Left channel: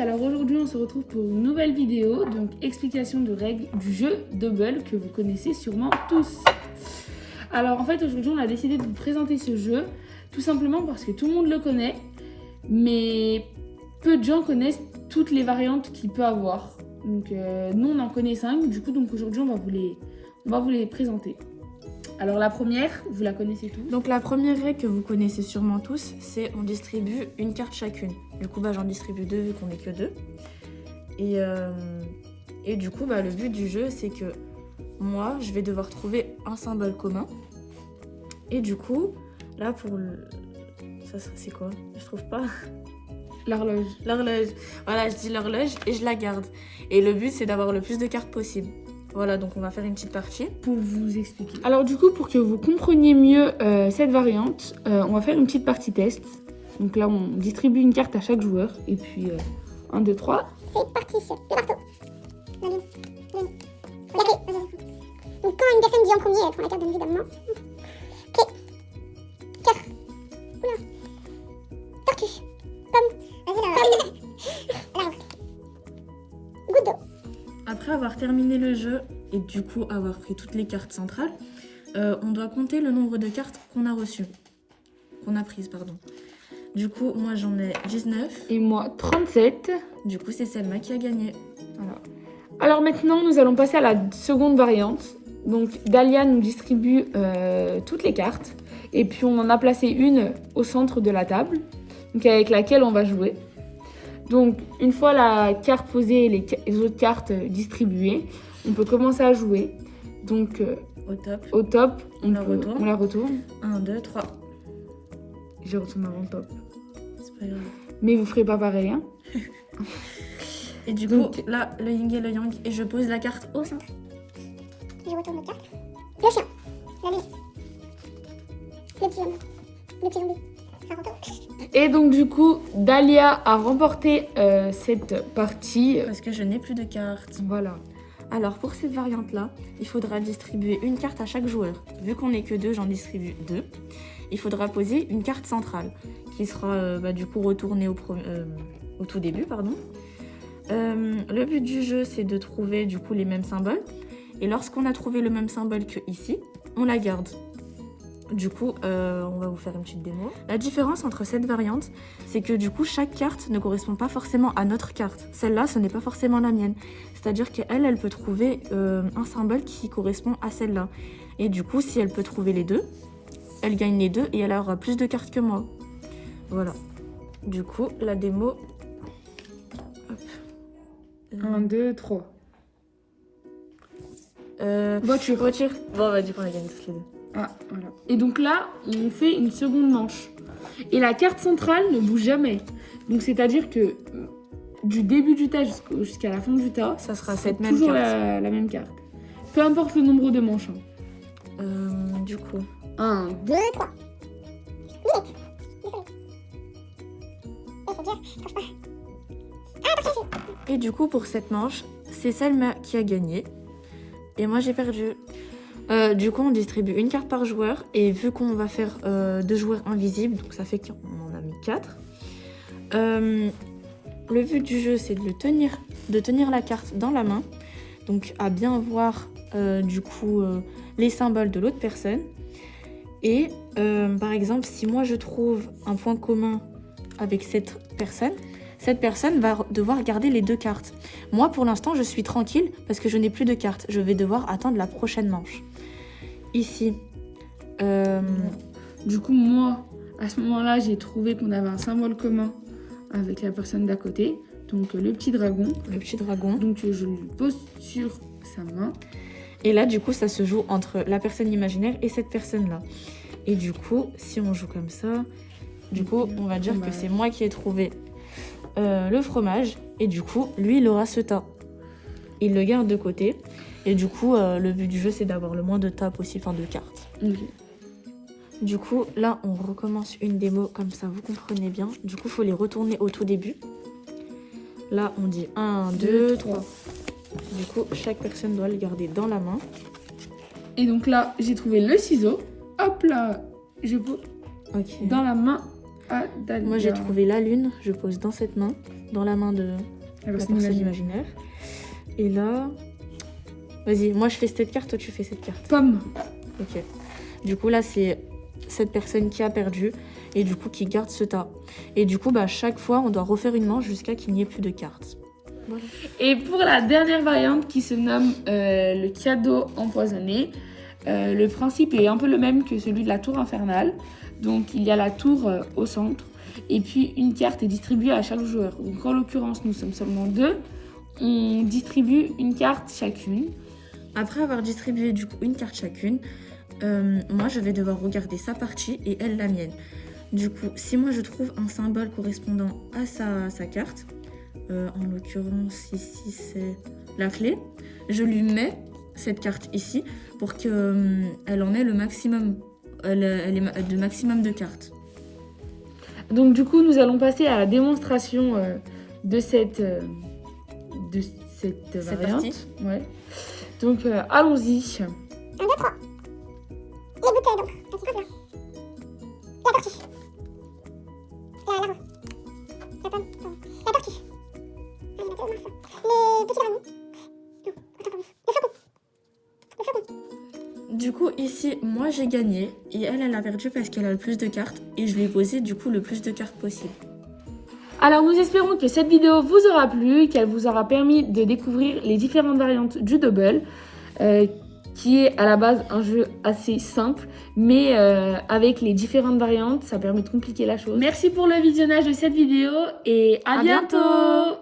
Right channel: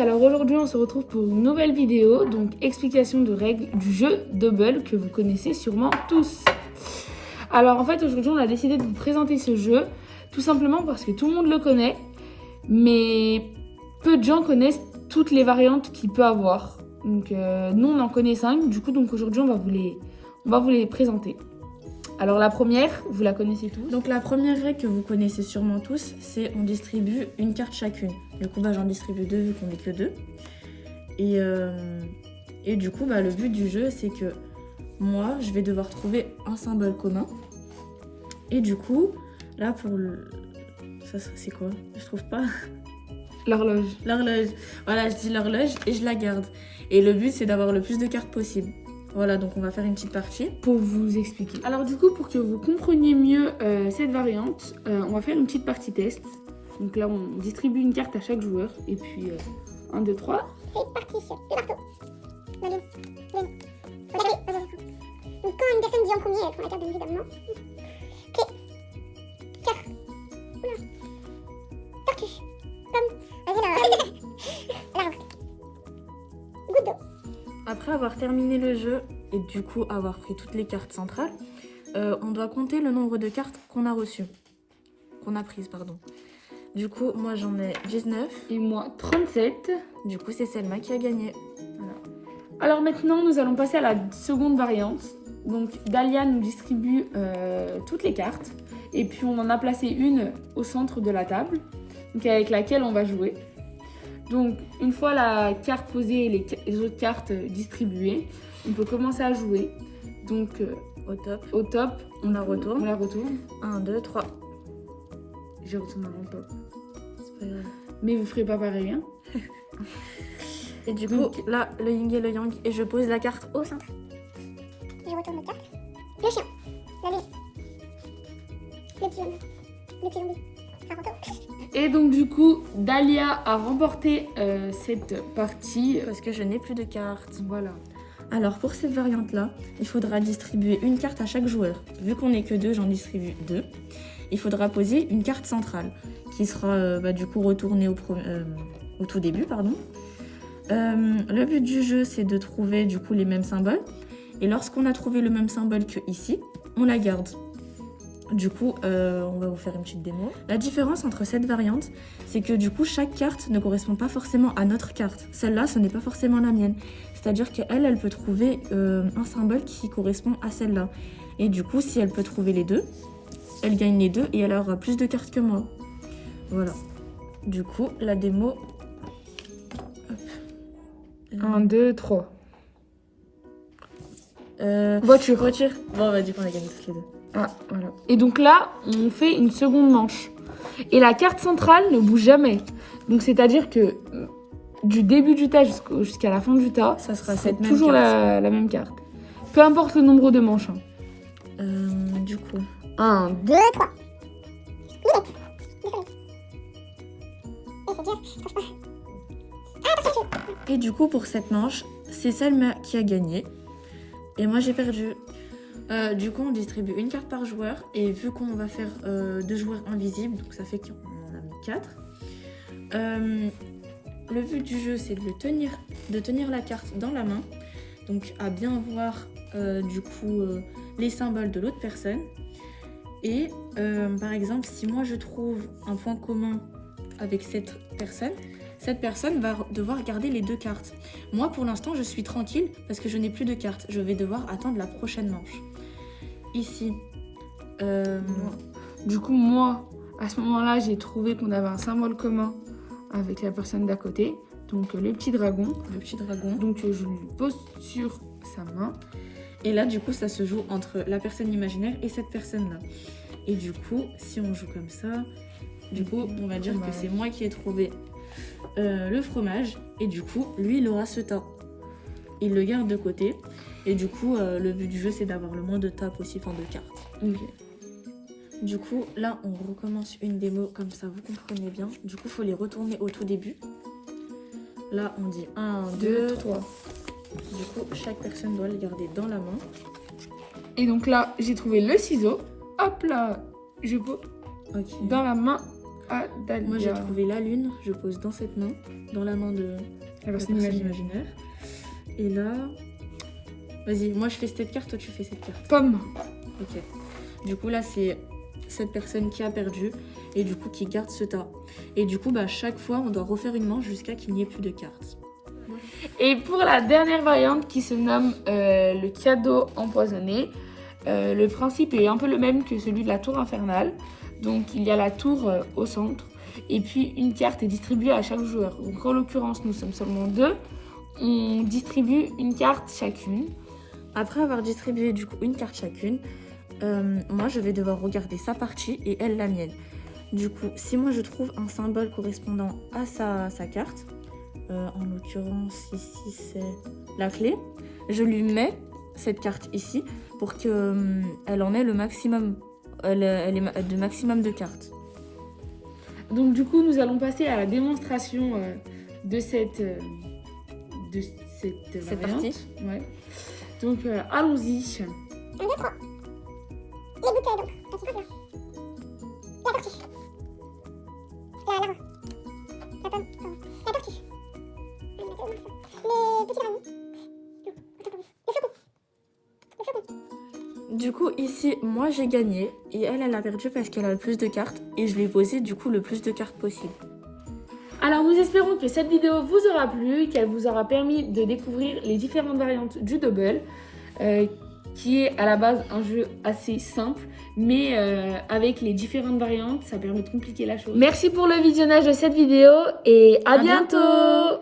alors aujourd'hui on se retrouve pour une nouvelle vidéo, donc explication de règles du jeu Double que vous connaissez sûrement tous. Alors en fait aujourd'hui on a décidé de vous présenter ce jeu, tout simplement parce que tout le monde le connaît, mais peu de gens connaissent toutes les variantes qu'il peut avoir. Donc nous on en connaît 5, du coup donc aujourd'hui on va vous les présenter. Alors la première, vous la connaissez tous. Donc la première règle que vous connaissez sûrement tous, c'est on distribue une carte chacune. Du coup j'en distribue 2 vu qu'on n'est que 2. Et du coup le but du jeu c'est que moi je vais devoir trouver un symbole commun. Et du coup là pour le... Ça c'est quoi? Je trouve pas. L'horloge. L'horloge. Voilà, je dis l'horloge et je la garde. Et le but c'est d'avoir le plus de cartes possible. Voilà, donc on va faire une petite partie. Pour vous expliquer. Alors du coup, pour que vous compreniez mieux cette variante, on va faire une petite partie test. Donc là, on distribue une carte à chaque joueur. Et puis, 1, 2, 3. C'est parti, le marteau. Donc quand une personne dit en premier, elle prend la carte bien évidemment. Clé. 4. Oula. Tortue. Pomme. L'arbre. Goutte d'eau. Après avoir terminé le jeu et du coup avoir pris toutes les cartes centrales, on doit compter le nombre de cartes qu'on a reçues. Qu'on a prises, pardon. Du coup, moi j'en ai 19. Et moi, 37. Du coup, c'est Selma qui a gagné. Voilà. Alors maintenant, nous allons passer à la seconde variante. Donc Dalia nous distribue toutes les cartes. Et puis on en a placé une au centre de la table, donc avec laquelle on va jouer. Donc, une fois la carte posée et les autres cartes distribuées, on peut commencer à jouer. Donc, au top, on la retourne. On la retourne. 1, 2, 3. J'ai retourné avant le top. C'est pas grave. Mais vous ferez pas pareil, hein. Et du coup, là, le yin et le yang. Et je pose la carte au centre. Je retourne la carte. Le chien. La nuit. Le petit homme. Le petit zombie. Ça retourne. Et donc du coup, Dalia a remporté cette partie. Parce que je n'ai plus de cartes. Voilà. Alors pour cette variante-là, il faudra distribuer une carte à chaque joueur. Vu qu'on n'est que 2, j'en distribue 2. Il faudra poser une carte centrale qui sera du coup retournée au tout début. Le but du jeu, c'est de trouver du coup les mêmes symboles. Et lorsqu'on a trouvé le même symbole que ici, on la garde. Du coup, on va vous faire une petite démo. La différence entre cette variante, c'est que du coup, chaque carte ne correspond pas forcément à notre carte. Celle-là, ce n'est pas forcément la mienne. C'est-à-dire qu'elle, elle peut trouver un symbole qui correspond à celle-là. Et du coup, si elle peut trouver les deux, elle gagne les deux et elle aura plus de cartes que moi. Voilà. Du coup, la démo... Hop. 1, 2, 3. Voiture. Bon, on va dire qu'on a gagné toutes les deux. Ah, voilà. Et donc là, on fait une seconde manche. Et la carte centrale ne bouge jamais. Donc c'est-à-dire que du début du tas jusqu'à la fin du tas, ça sera toujours la même carte. Peu importe le nombre de manches. Du coup... 1, 2, 3. Minute. Et du coup, pour cette manche, c'est Selma qui a gagné. Et moi, j'ai perdu. Du coup, on distribue une carte par joueur. Et vu qu'on va faire 2 joueurs invisibles, donc ça fait qu'on en a mis 4. Le but du jeu, c'est de tenir la carte dans la main. Donc, à bien voir les symboles de l'autre personne. Et par exemple, si moi je trouve un point commun avec cette personne va devoir garder les 2 cartes. Moi, pour l'instant, je suis tranquille parce que je n'ai plus de cartes. Je vais devoir attendre la prochaine manche. Ici. Du coup, moi, à ce moment-là, j'ai trouvé qu'on avait un symbole commun avec la personne d'à côté. Donc, le petit dragon. Donc, je lui pose sur sa main. Et là, du coup, ça se joue entre la personne imaginaire et cette personne-là. Et du coup, si on joue comme ça, du coup, on va dire que c'est moi qui ai trouvé le fromage. Et du coup, lui, il aura ce tas. Il le garde de côté. Et du coup, le but du jeu, c'est d'avoir le moins de tas possible, enfin de cartes. Du coup, là, on recommence une démo comme ça, vous comprenez bien. Du coup, il faut les retourner au tout début. Là, on dit 1, 2, 3. Du coup, chaque personne doit le garder dans la main. Et donc là, j'ai trouvé le ciseau. Hop là, je pose dans la main Adalia. Moi, j'ai trouvé la lune. Je pose dans cette main, dans la main de la la personne personne imaginaire. imaginaire. Et là... Vas-y, moi, je fais cette carte, toi, tu fais cette carte. Pomme. Ok. Du coup, là, c'est cette personne qui a perdu et du coup qui garde ce tas. Et du coup, bah, chaque fois, on doit refaire une manche jusqu'à qu'il n'y ait plus de cartes. Voilà. Et pour la dernière variante qui se nomme le cadeau empoisonné, le principe est un peu le même que celui de la tour infernale. Donc il y a la tour au centre et puis une carte est distribuée à chaque joueur. Donc en l'occurrence, nous sommes seulement 2. On distribue une carte chacune. Après avoir distribué du coup une carte chacune, moi je vais devoir regarder sa partie et elle la mienne. Du coup, si moi je trouve un symbole correspondant à sa carte, en l'occurrence ici c'est la clé, je lui mets cette carte ici pour qu'elle en ait le maximum, le maximum de cartes. Donc du coup, nous allons passer à la démonstration de cette variante. parti. Ouais. Donc allons-y. 1, 2, 3. Les bouteilles donc. Ah, c'est pas bien. La tortue. La rose. La pomme. Pardon. La tortue. Ah, il m'a dit, oh, mince. Les petits araignées. Non, attends, pardon. Le faucon. Le faucon. Du coup ici moi j'ai gagné et elle a perdu parce qu'elle a le plus de cartes et je lui ai posé du coup le plus de cartes possible. Alors nous espérons que cette vidéo vous aura plu, qu'elle vous aura permis de découvrir les différentes variantes du double, qui est à la base un jeu assez simple, mais avec les différentes variantes, ça permet de compliquer la chose. Merci pour le visionnage de cette vidéo et à bientôt.